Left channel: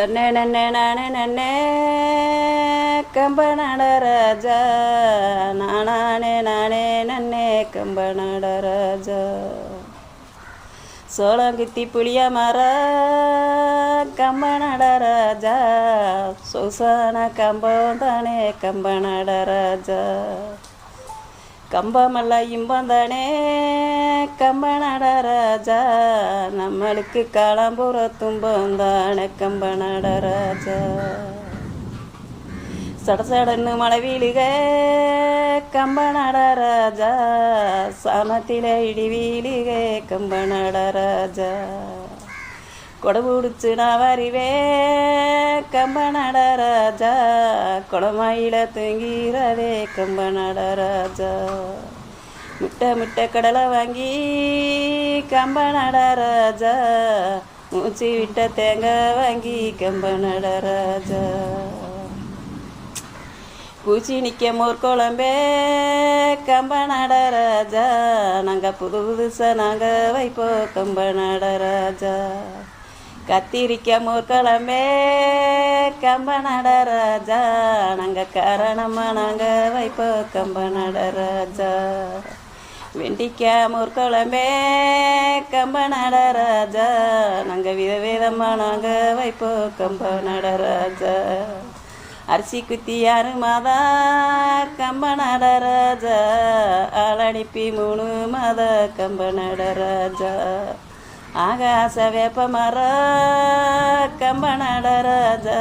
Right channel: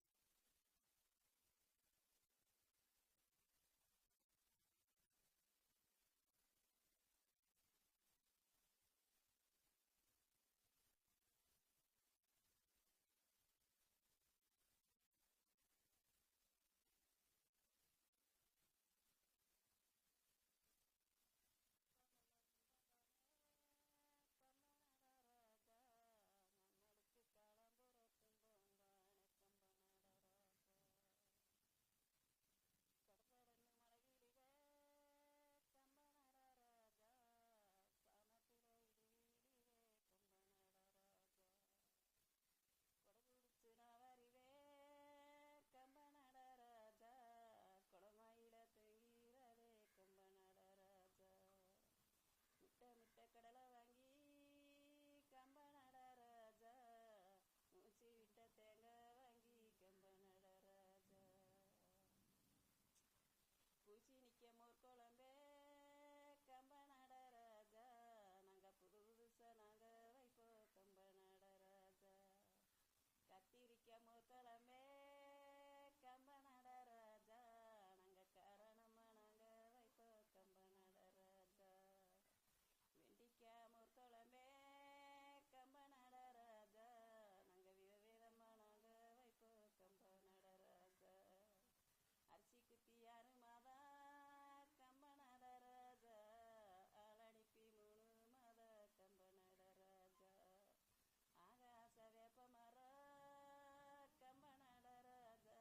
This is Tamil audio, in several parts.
தன்னே நன்னே நானே நன்னே கம்பனடராஜா நானே நானே நன்னே கம்பனடராஜா சோளங்குத்தி புளிய மர கம்பனடராஜா சொசான கம்பம் தானே கம்பனடராஜா கம்பமல்ல இன்பம் தானே கம்பனடராஜா நம்மளுக்கு காலம்புற துன்பம் தானே கம்பனடராஜா சடசடன்னு மழை வீழுக கம்பனடராஜா சாமத்தில இடி வீழுக கம்பனடராஜா கொடபுடிச்சு நான் வருவே கம்பனடராஜா கொடமாயில தூங்கிறதே கம்பனடராஜா முட்டை கடலை வாங்கி கம்பனடராஜா மூச்சு விட்ட தேங்காய் வாங்கி கம்பனடராஜா பூச்சி நிற்க மோர் குழம்பே கம்பனடராஜா நாங்கள் புதுசாக நாங்கள் வைப்போம் கம்பனடராஜா கத்திரிக்க மோர் குழம்பே கம்பனடராஜா நாங்கள் காரணமாக நாங்கள் வைப்போம் கம்பனடராஜா வெண்டிக்காய் மோர் குழம்பே கம்பனடராஜா நாங்கள் விதவிதமாக நாங்கள் வைப்போம் கம்பனடராஜா அரிசி குத்தி யாரு மாதா கம்பனடராஜா ஆளடிப்பி 3 மாத கம்பனடராஜா ஆகாச வேப்ப மர கம்பனடராஜா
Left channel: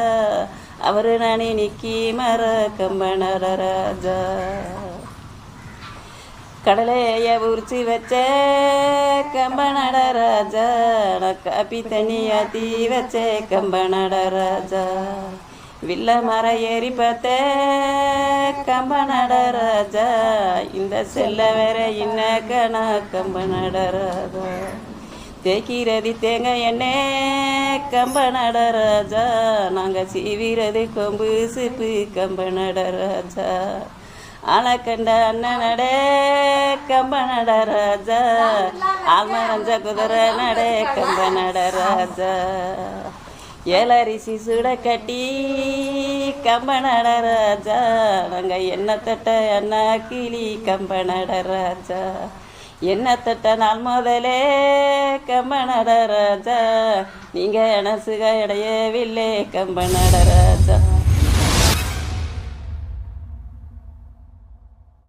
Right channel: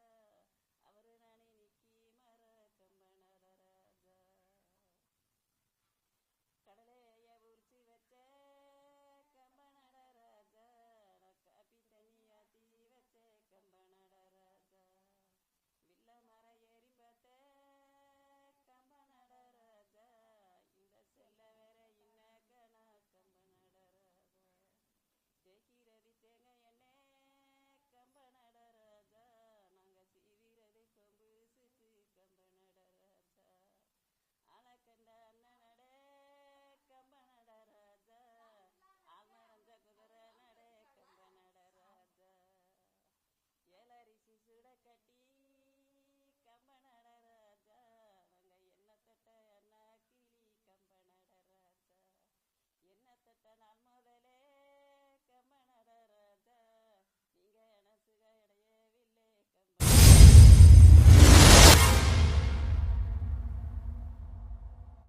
அவரு நானே நிக்கி மர கம்பனடராஜா கடலைய உரிச்சு வச்ச கம்பனடராஜா நான் காப்பி தண்ணி ஆத்தி வச்ச கம்பனடராஜா வில்ல மர ஏறி பார்த்த கம்பனடராஜா இந்த செல்ல வேற இன்ன கணா கம்பனடராஜா தேய்க்கிறது தேங்காய் எண்ணெய் கம்பனடராஜா நாங்கள் சீவிறது கொம்பு சிப்பு கம்பனடராஜா ஆளை கண்ட அண்ணன் நட கம்பனடராஜா ஆல்மரஞ்ச குதிரை நட கம்பனடராஜா ஏலரிசி சுட கட்டி கம்பனடராஜா நாங்கள் எண்ணெய் தட்ட அண்ணா கிளி கம்பனடராஜா எண்ணெய் தட்ட நாள் முதலே கம்பனடராஜா நீங்கள் எனசுக இடையவில்லை கம்பனடராஜா